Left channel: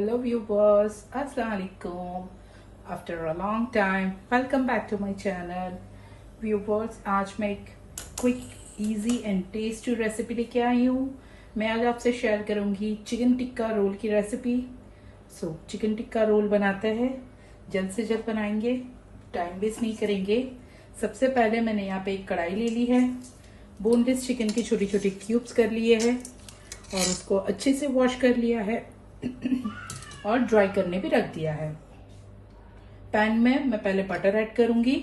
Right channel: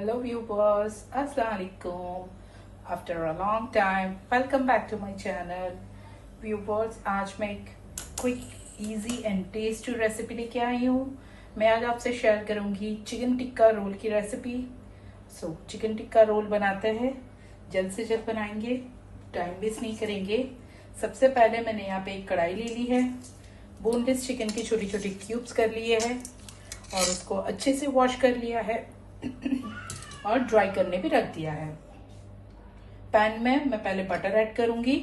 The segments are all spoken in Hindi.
Hello viewers, Assalamu alaikum. After a long time, welcome back to my channel. Viewers, आज मैं एक quick, easy and tasty recipe लेके आई हूँ। मैं आज आपसे शेयर करूंगी चिकन टिक्का रोल की रेसिपी। चिकन टिक्का रोल बनाते हैं, जल्द से जल्द बनाएंगे, टाइम वेस्ट नहीं करेंगे। सबसे पहले मैंने यहाँ पे एक कढ़ाई ले ली है, बोनलेस चिकन की छोटी छोटी क्यूब्स कर लिए हैं और उसको अच्छे से वॉश कर लिया है और ड्राई करने भी रख दिया है। पैन में मैं पहले बटर ऐड करूंगी।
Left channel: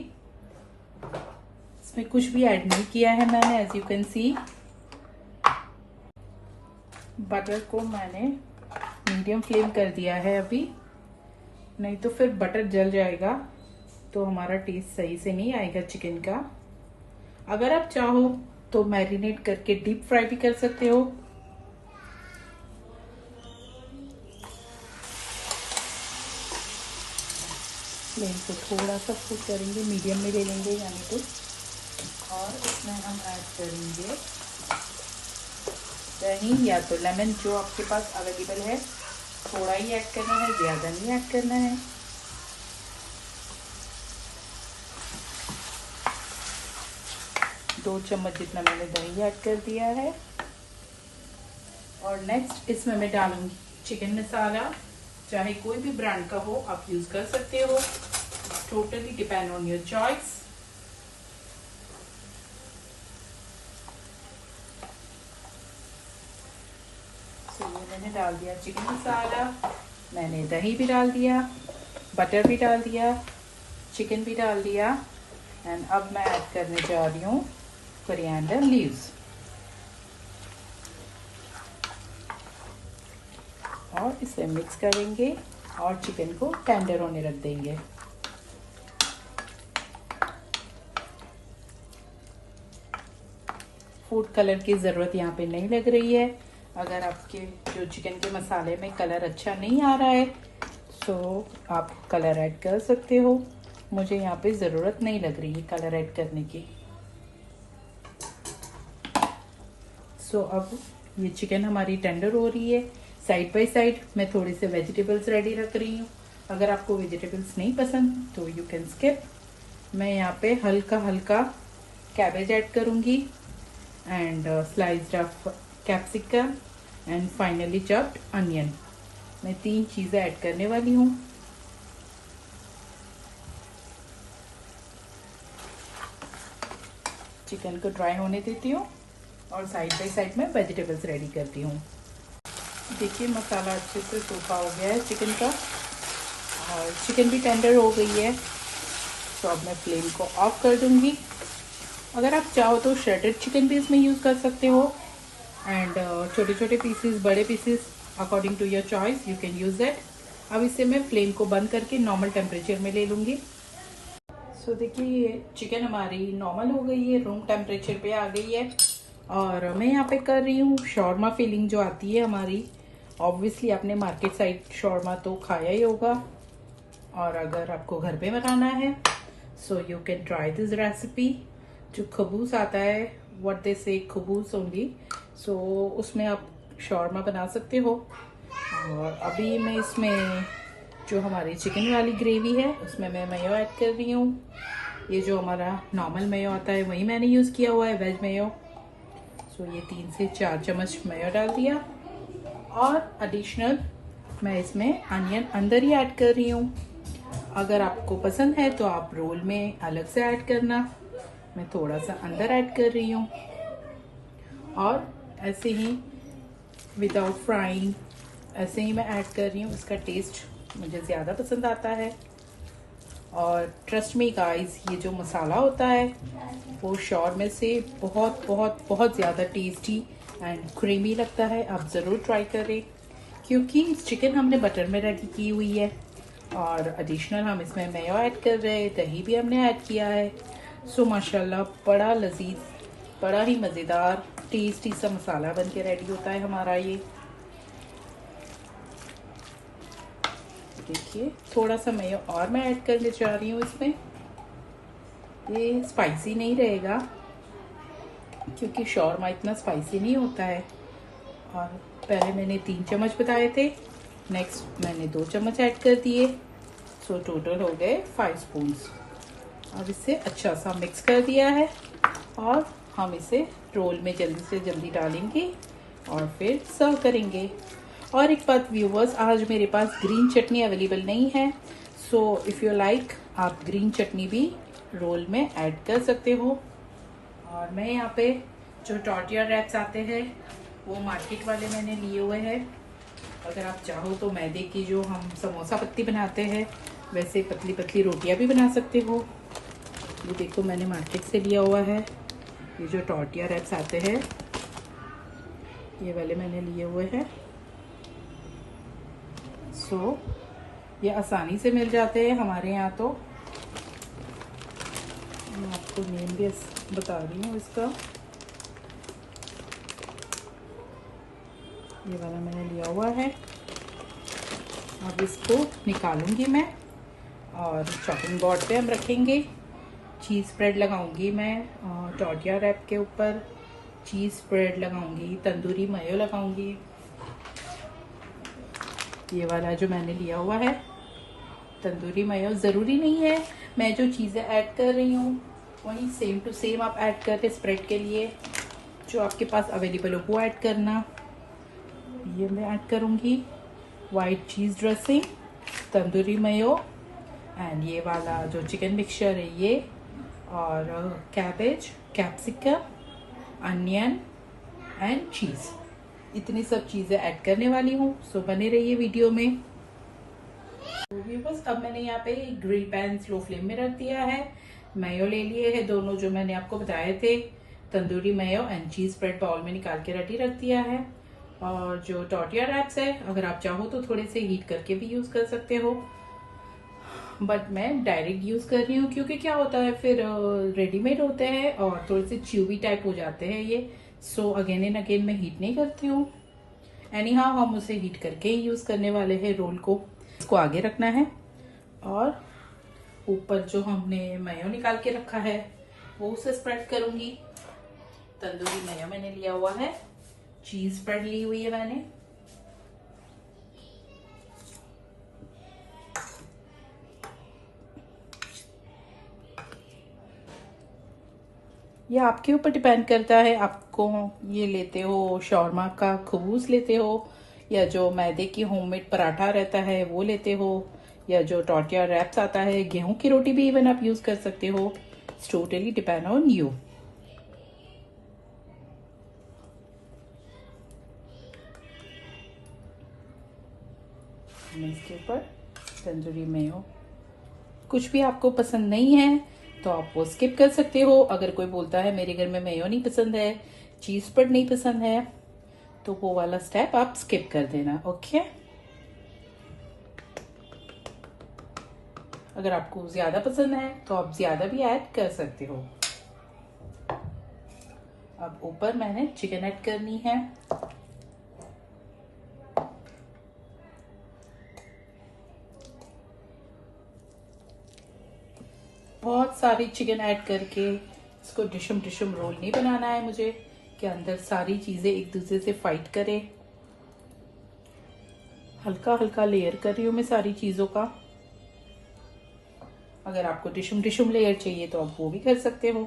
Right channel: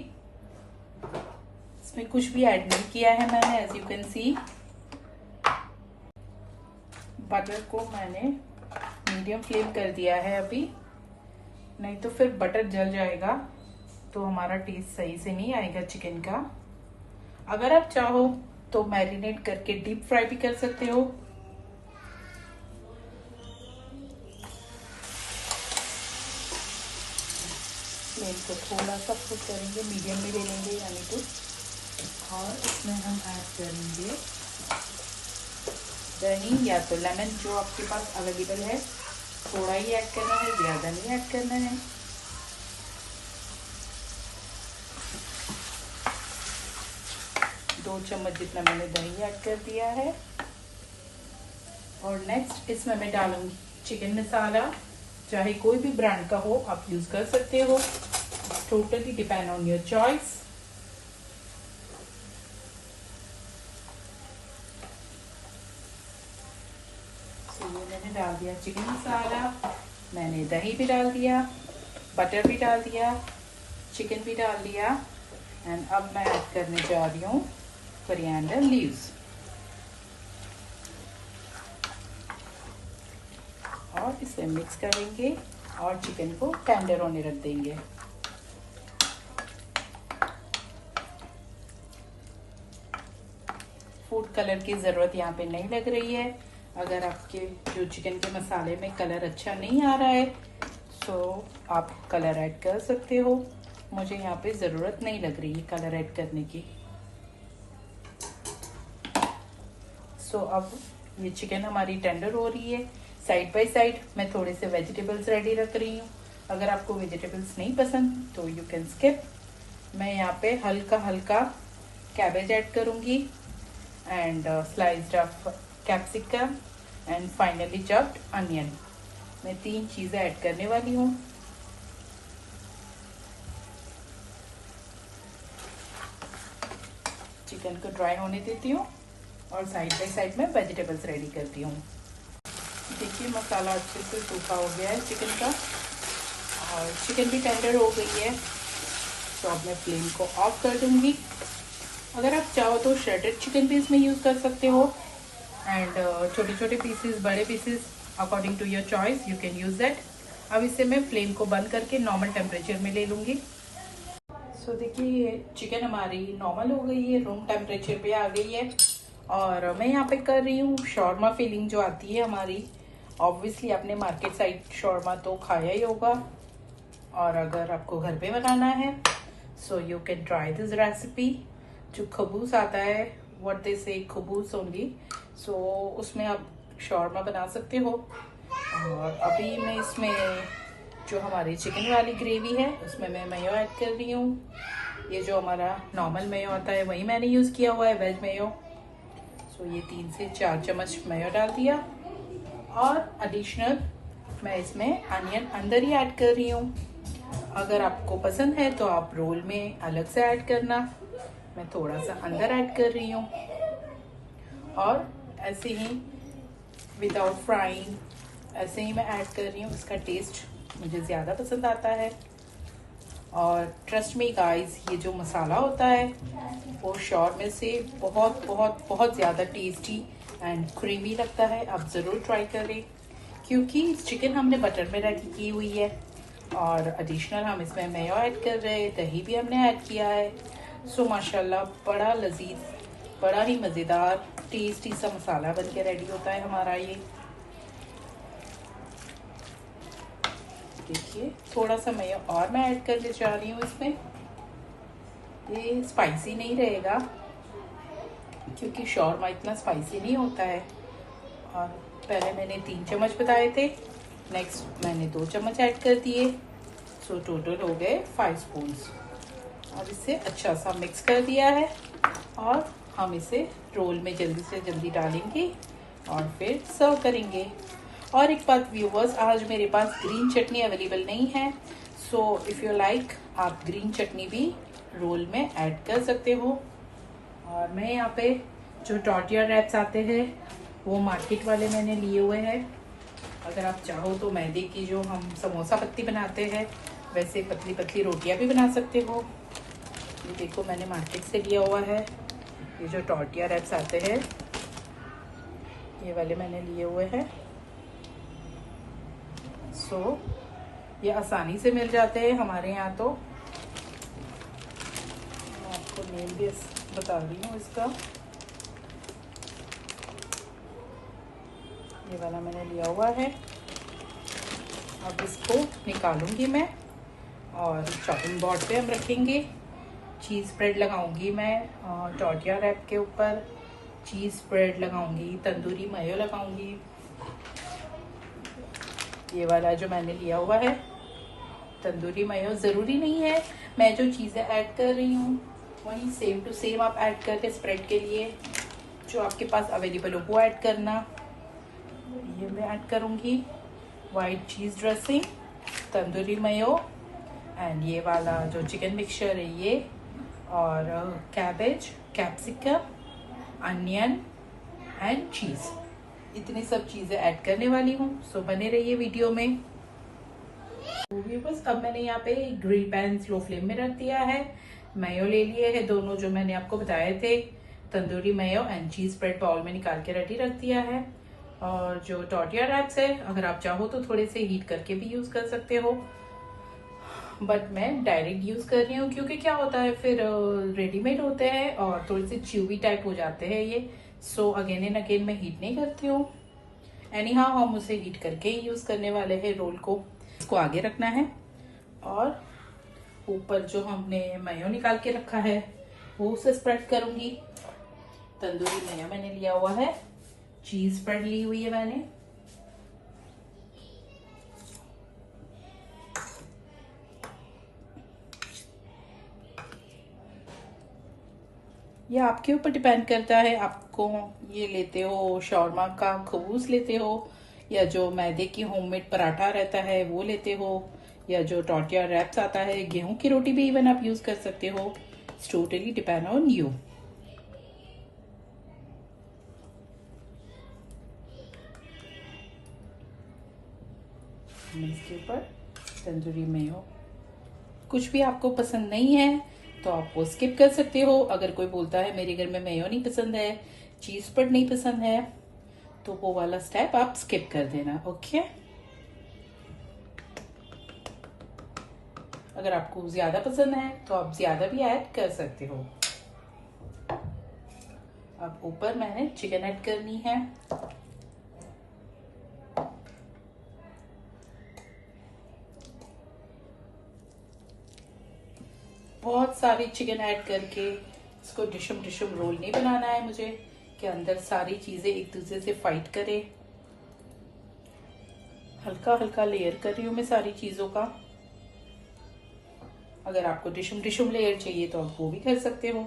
इसमें कुछ भी ऐड नहीं किया है मैंने, as you can see. Butter को मैंने मीडियम फ्लेम कर दिया है अभी, नहीं तो फिर बटर जल जाएगा तो हमारा टेस्ट सही से नहीं आएगा चिकन का। अगर आप चाहो तो मैरिनेट करके डीप फ्राई भी कर सकते हो। फ्लेम को थोड़ा सा कुक करेंगे, मीडियम में ले लेंगे यानी तो। और इसमें हम ऐड करेंगे दही या तो लेमन, जो आपके पास अवेलेबल है। थोड़ा ही ऐड करना है, ज़्यादा नहीं ऐड करना है। दो चम्मच जितना मैंने दही ऐड कर दिया है। और नेक्स्ट इसमें मैं डालूंगी चिकन मसाला, चाहे कोई भी ब्रांड का हो आप यूज कर सकते हो, totally depend on your choice. ये मैंने डाल दिया चिकन मसाला, मैंने दही भी डाल दिया, बटर भी डाल दिया, चिकन भी डाल दिया। एंड अब मैं ऐड करने जा रही हूँ कोरिएंडर लीव्स और इसे मिक्स करेंगे और चिकन को टेंडर होने रख देंगे। फूड कलर की ज़रूरत यहाँ पे नहीं लग रही है। अगर आपके जो चिकन के मसाले में कलर अच्छा नहीं आ रहा है तो आप कलर ऐड कर सकते हो। मुझे यहाँ पे ज़रूरत नहीं लग रही है कलर ऐड करने की। अब ये चिकन हमारी टेंडर हो रही है। साइड बाय साइड मैं थोड़े से वेजिटेबल्स रेडी रख रही हूँ। अगर आपको वेजिटेबल्स नहीं पसंद तो यू कैन स्किप। मैं यहाँ पे हल्का हल्का कैबेज ऐड करूँगी and sliced of capsicum and finally chopped onion. मैं 3 चीज़ें ऐड करने वाली हूँ। चिकन को ड्राई होने देती हूँ और साइड बाय साइड में वेजिटेबल्स रेडी करती हूँ। देखिए मसाला अच्छे से सूखा हो गया है चिकन का और चिकन भी टेंडर हो गई है। तो अब मैं फ्लेम को ऑफ कर दूंगी। अगर आप चाहो तो श्रेडेड चिकन भी इसमें यूज़ कर सकते हो एंड छोटे छोटे पीसेस, बड़े pieces, according to your choice you can use that. अब इससे मैं फ्लेम को बंद करके नॉर्मल टेम्परेचर में ले लूँगी। देखिए ये चिकन हमारी नॉर्मल हो गई है, रूम टेम्परेचर पे आ गई है। और मैं यहाँ पे कर रही हूँ शॉर्मा फिलिंग जो आती है हमारी। ऑब्वियसली आपने मार्केट साइड शॉर्मा तो खाया ही होगा, और अगर आपको घर पे बनाना है so you can try this recipe. जो खबूस आता है, व्हाट दे से खबूस ओनली, सो उसमें आप शॉर्मा बना सकते हो। और अभी मैं इसमें जो हमारी चिकन वाली ग्रेवी है उसमें मैं मेयो ऐड कर रही हूँ। ये जो हमारा नॉर्मल मेयो आता है वही मैंने यूज़ किया हुआ है, वेज मेयो। ये 3 से 4 चम्मच मेयो डाल दिया और एडिशनल मैं इसमें अनियन अंदर ही ऐड कर रही हूँ। अगर आपको पसंद है तो आप रोल में अलग से ऐड करना, मैं थोड़ा सा अंदर ऐड कर रही हूँ। और ऐसे ही विदाउट फ्राइंग ऐसे ही मैं ऐड कर रही हूँ। इसका टेस्ट मुझे ज़्यादा पसंद आता है। और ट्रस्ट मी गाइस, ये जो मसाला होता है वो शॉर्मे से बहुत बहुत बहुत ज़्यादा टेस्टी एंड क्रीमी लगता है। आप ज़रूर ट्राई करें, क्योंकि चिकन हमने बटर में रेडी की हुई है और एडिशनल हम इसमें मेयो ऐड कर रहे हैं, दही भी हमने ऐड किया है। माशाल्लाह बड़ा लजीज, बड़ा ही मज़ेदार टेस्टी सा मसाला बन के रेडी होता है हमारा ये। देखिए थोड़ा सा मेयो और मैं ऐड करने जा रही हूँ इसमें। ये स्पाइसी नहीं रहेगा क्योंकि शॉर्मा इतना स्पाइसी नहीं होता है। और पहले मैंने 3 चम्मच बताए थे, नेक्स्ट मैंने 2 चम्मच ऐड कर दिए, सो टोटल हो गए 5 स्पून। और इसे अच्छा सा मिक्स कर दिया है और हम इसे रोल में जल्दी से जल्दी डालेंगे और फिर सर्व करेंगे। और एक बात व्यूवर्स, आज मेरे पास ग्रीन चटनी अवेलेबल नहीं है, सो इफ़ यू लाइक आप ग्रीन चटनी भी रोल में ऐड कर सकते हो। और मैं यहाँ पे जो टॉर्टिया रैप्स आते हैं वो मार्केट वाले मैंने लिए हुए हैं। अगर आप चाहो तो मैदे की जो हम समोसा पत्ती बनाते हैं वैसे पतली पतली रोटियां भी बना सकते हो। ये देखो मैंने मार्केट से लिया हुआ है, ये जो टॉर्टिया रैप्स आते हैं ये वाले मैंने लिए हुए हैं। सो ये आसानी से मिल जाते हैं हमारे यहाँ। तो मैं आपको नेम भी बता रही हूँ इसका। ये वाला मैंने लिया हुआ है। अब इसको निकालूंगी मैं और चॉपिंग बोर्ड पे हम रखेंगे। चीज़ स्प्रेड लगाऊंगी मैं टॉर्टिया रैप के ऊपर, चीज़ स्प्रेड लगाऊंगी, तंदूरी मायो लगाऊंगी। ये वाला जो मैंने लिया हुआ है तंदूरी मायो, ज़रूरी नहीं है मैं जो चीज़ें ऐड कर रही हूँ वही सेम टू सेम आप ऐड करके स्प्रेड के लिए जो आपके पास अवेलेबल हो वो ऐड करना। ये मैं ऐड करूँगी white cheese dressing, tandoori mayo and ये वाला जो चिकन मिक्सचर है ये, और cabbage, capsicum, onion and cheese, इतनी सब चीज़ें ऐड करने वाली हूँ। सो बने रहिए वीडियो में। तो बस अब मैंने यहाँ पे ग्रिल पैन स्लो फ्लेम में रख दिया है। मेयो ले लिए हैं दोनों जो मैंने आपको बताए थे, tandoori mayo and cheese spread bowl में निकाल के रेडी रख दिया है। और जो टॉर्टिया रैप्स है अगर आप चाहो तो थोड़े से हीट करके भी यूज़ कर सकते हो, बट मैं डायरेक्ट यूज़ कर रही हूँ क्योंकि क्या होता है फिर रेडीमेड होते हैं और थोड़े से च्यूवी टाइप हो जाते हैं ये। सो अगेन एंड अगेन मैं हीट नहीं करती हूँ। एनी हाउ हम उसे हीट करके ही यूज़ करने वाले हैं रोल को। इसको आगे रखना है और ऊपर जो हमने मेयो निकाल के रखा है वो उसे स्प्रेड करूंगी। तंदूरी मेयो मैंने लिया हुआ है, चीज़ स्प्रेड ली हुई है मैंने। ये आपके ऊपर डिपेंड करता है, आपको ये लेते हो शॉर्मा का खबूस लेते हो या जो मैदे की होममेड पराठा रहता है वो लेते हो, या जो टॉर्टिया रैप्स आता है, गेहूं की रोटी भी इवन आप यूज कर सकते हो। It's totally depend on you. इसके ऊपर तंदूरी मेयो, कुछ भी आपको पसंद नहीं है तो आप वो स्किप कर सकते हो। अगर कोई बोलता है मेरे घर में मेयो नहीं पसंद है, चीज स्प्रेड नहीं पसंद है, तो वो वाला स्टेप आप स्किप कर देना। ओके, अगर आपको ज्यादा पसंद है तो आप ज्यादा भी ऐड कर सकते हो। अब ऊपर मैंने चिकन ऐड करनी है। बहुत सारी चिकन ऐड करके इसको डिशम डिशम रोल नहीं बनाना है मुझे कि अंदर सारी चीजें एक दूसरे से फाइट करें। हल्का हल्का लेयर कर रही हूँ मैं सारी चीजों का। अगर आपको डिशम डिशम लेयर चाहिए तो आप वो भी कर सकते हो।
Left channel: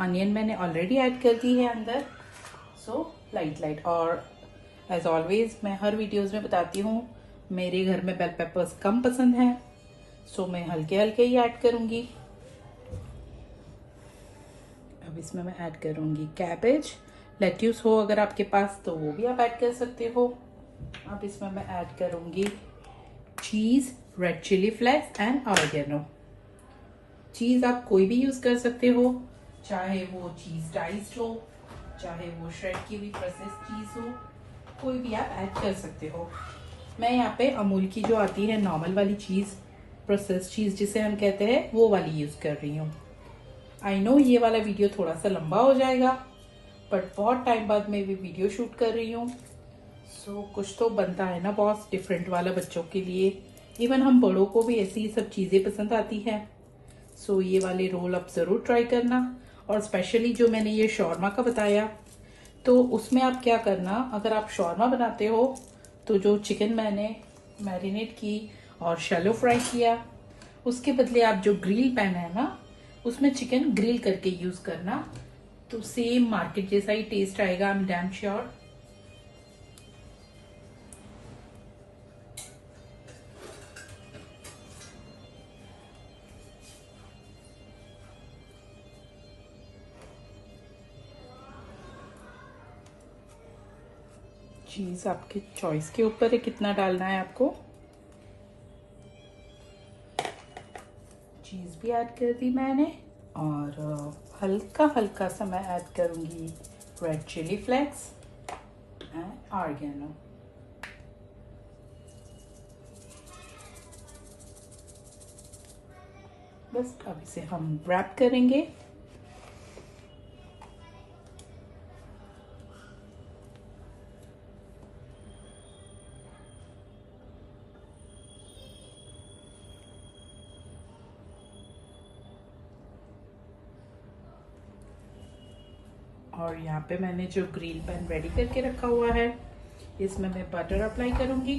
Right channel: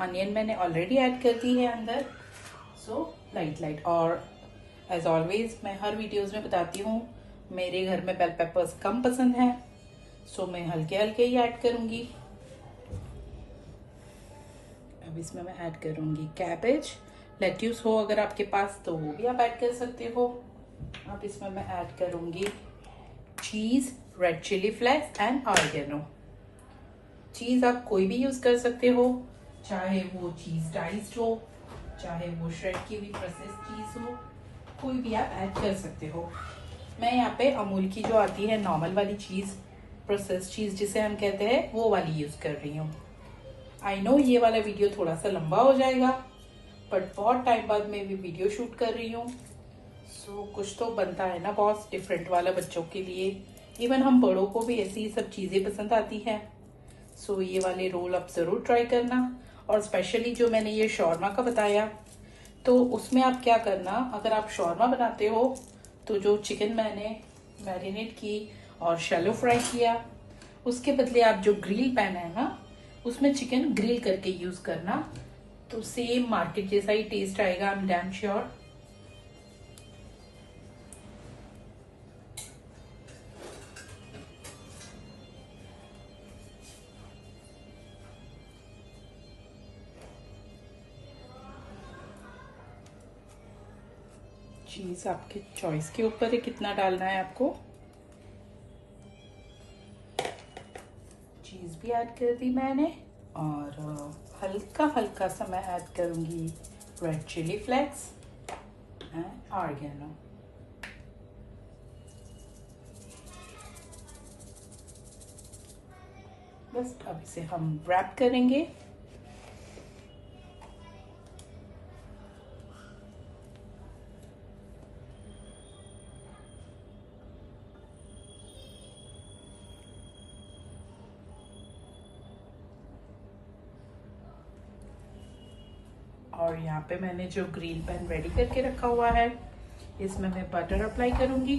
अनियन मैंने ऑलरेडी ऐड कर दी है अंदर, सो लाइट लाइट। और एज ऑलवेज मैं हर वीडियोस में बताती हूँ मेरे घर में बेल पेपर्स कम पसंद है, सो मैं हल्के हल्के ही ऐड करूंगी। अब इसमें मैं ऐड करूंगी कैबेज, लेट्यूस हो अगर आपके पास तो वो भी आप ऐड कर सकते हो। अब इसमें मैं ऐड करूंगी cheese, red chilli flakes and oregano. Cheese आप कोई भी यूज कर सकते हो, चाहे वो चीज डाइस्ड हो, चाहे वो श्रेड की हुई प्रोसेस्ड चीज हो, कोई भी आप ऐड कर सकते हो। मैं यहाँ पे अमूल की जो आती है नॉर्मल वाली चीज, प्रोसेस्ड चीज जिसे हम कहते हैं, वो वाली यूज कर रही हूँ। आई नो ये वाला वीडियो थोड़ा सा लंबा हो जाएगा, बट बहुत टाइम बाद मैं भी वीडियो शूट कर रही हूँ, सो कुछ तो बनता है ना बॉस डिफरेंट वाला बच्चों के लिए। इवन हम बड़ों को भी ऐसी सब चीजें पसंद आती है। सो ये वाले रोल आप जरूर ट्राई करना। और स्पेशली जो मैंने ये शॉर्मा का बताया, तो उसमें आप क्या करना, अगर आप शॉर्मा बनाते हो तो जो चिकन मैंने मैरिनेट की और शैलो फ्राई किया, उसके बदले आप जो ग्रिल पैन है ना, उसमें चिकन ग्रिल करके यूज करना, तो सेम मार्केट जैसा ही टेस्ट आएगा, आई एम डैम श्योर। चीज आपके चॉइस के ऊपर है कितना डालना है आपको। चीज भी ऐड कर दी मैंने, और हल्का हल्का सा मैं ऐड करूंगी red chilli flakes and oregano. बस अब इसे हम रैप करेंगे। और यहाँ पे मैंने जो ग्रिल पैन रेडी करके रखा हुआ है, इसमें मैं बटर अप्लाई करूंगी।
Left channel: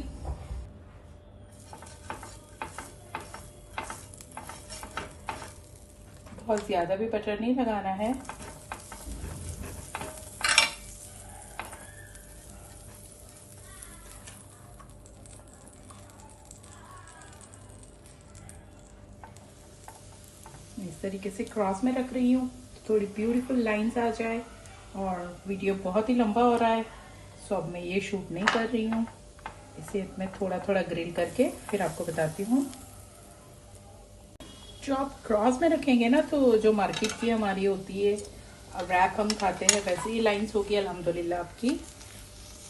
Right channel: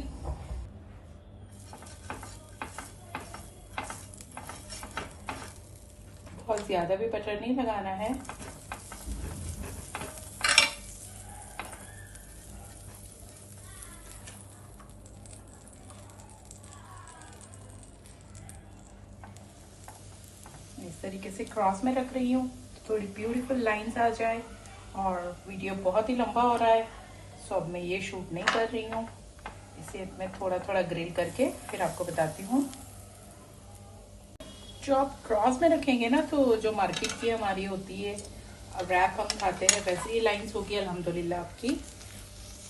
बहुत ज्यादा भी बटर नहीं लगाना है। इस तरीके से क्रॉस में रख रही हूँ, थोड़ी ब्यूटीफुल लाइंस आ जाए। और वीडियो बहुत ही लंबा हो रहा है, सो अब मैं ये शूट नहीं कर रही हूँ। इसे मैं थोड़ा थोड़ा ग्रिल करके फिर आपको बताती हूँ। जो आप क्रॉस में रखेंगे ना, तो जो मार्केट की हमारी होती है रैप हम खाते हैं, वैसे ही लाइंस होगी अल्हम्दुलिल्लाह आपकी।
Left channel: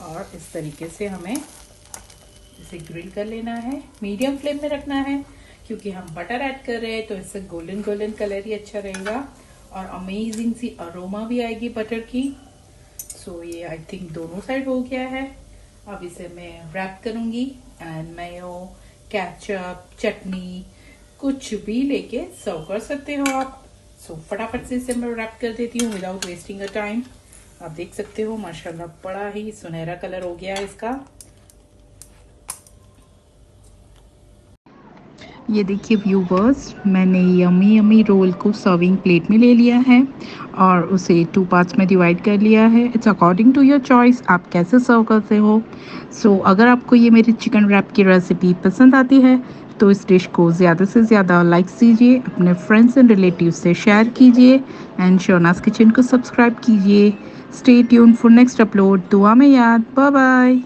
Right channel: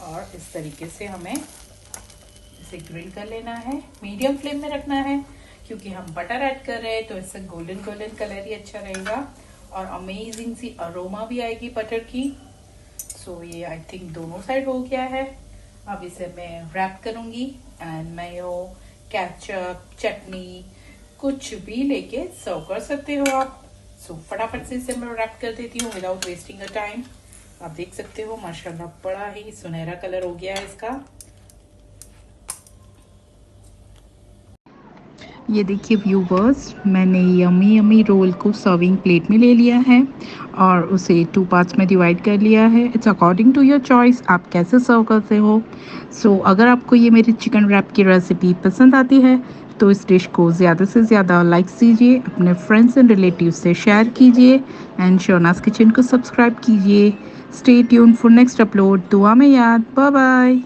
और इस तरीके से हमें इसे ग्रिल कर लेना है, मीडियम फ्लेम में रखना है, क्योंकि हम बटर ऐड कर रहे हैं, तो इससे गोल्डन गोल्डन कलर ही अच्छा रहेगा और अमेजिंग सी अरोमा भी आएगी बटर की। सो ये आई थिंक दोनों साइड हो गया है। अब इसे मैं रैप करूंगी एंड मेयो, केचप, चटनी कुछ भी लेके सर्व कर सकते हो आप। सो फटाफट से इसे मैं रैप कर देती हूँ विदाउट वेस्टिंग अ टाइम। आप देख सकते हो माशाल्लाह बड़ा ही सुनहरा कलर हो गया है इसका। ये देखिए व्यूवर्स, मैंने यमी यमी रोल को सर्विंग प्लेट में ले लिया है और उसे 2 पार्ट्स में डिवाइड कर लिया है। It's according to your choice, आप कैसे सर्व करते हो। सो अगर आपको ये मेरी चिकन रैप की रेसिपी पसंद आती है तो इस डिश को ज़्यादा से ज़्यादा लाइक कीजिए, अपने फ्रेंड्स एंड रिलेटिव से शेयर कीजिए एंड शोनास किचन को सब्सक्राइब कीजिए। Stay tune for next upload. दुआ में याद। Bye bye.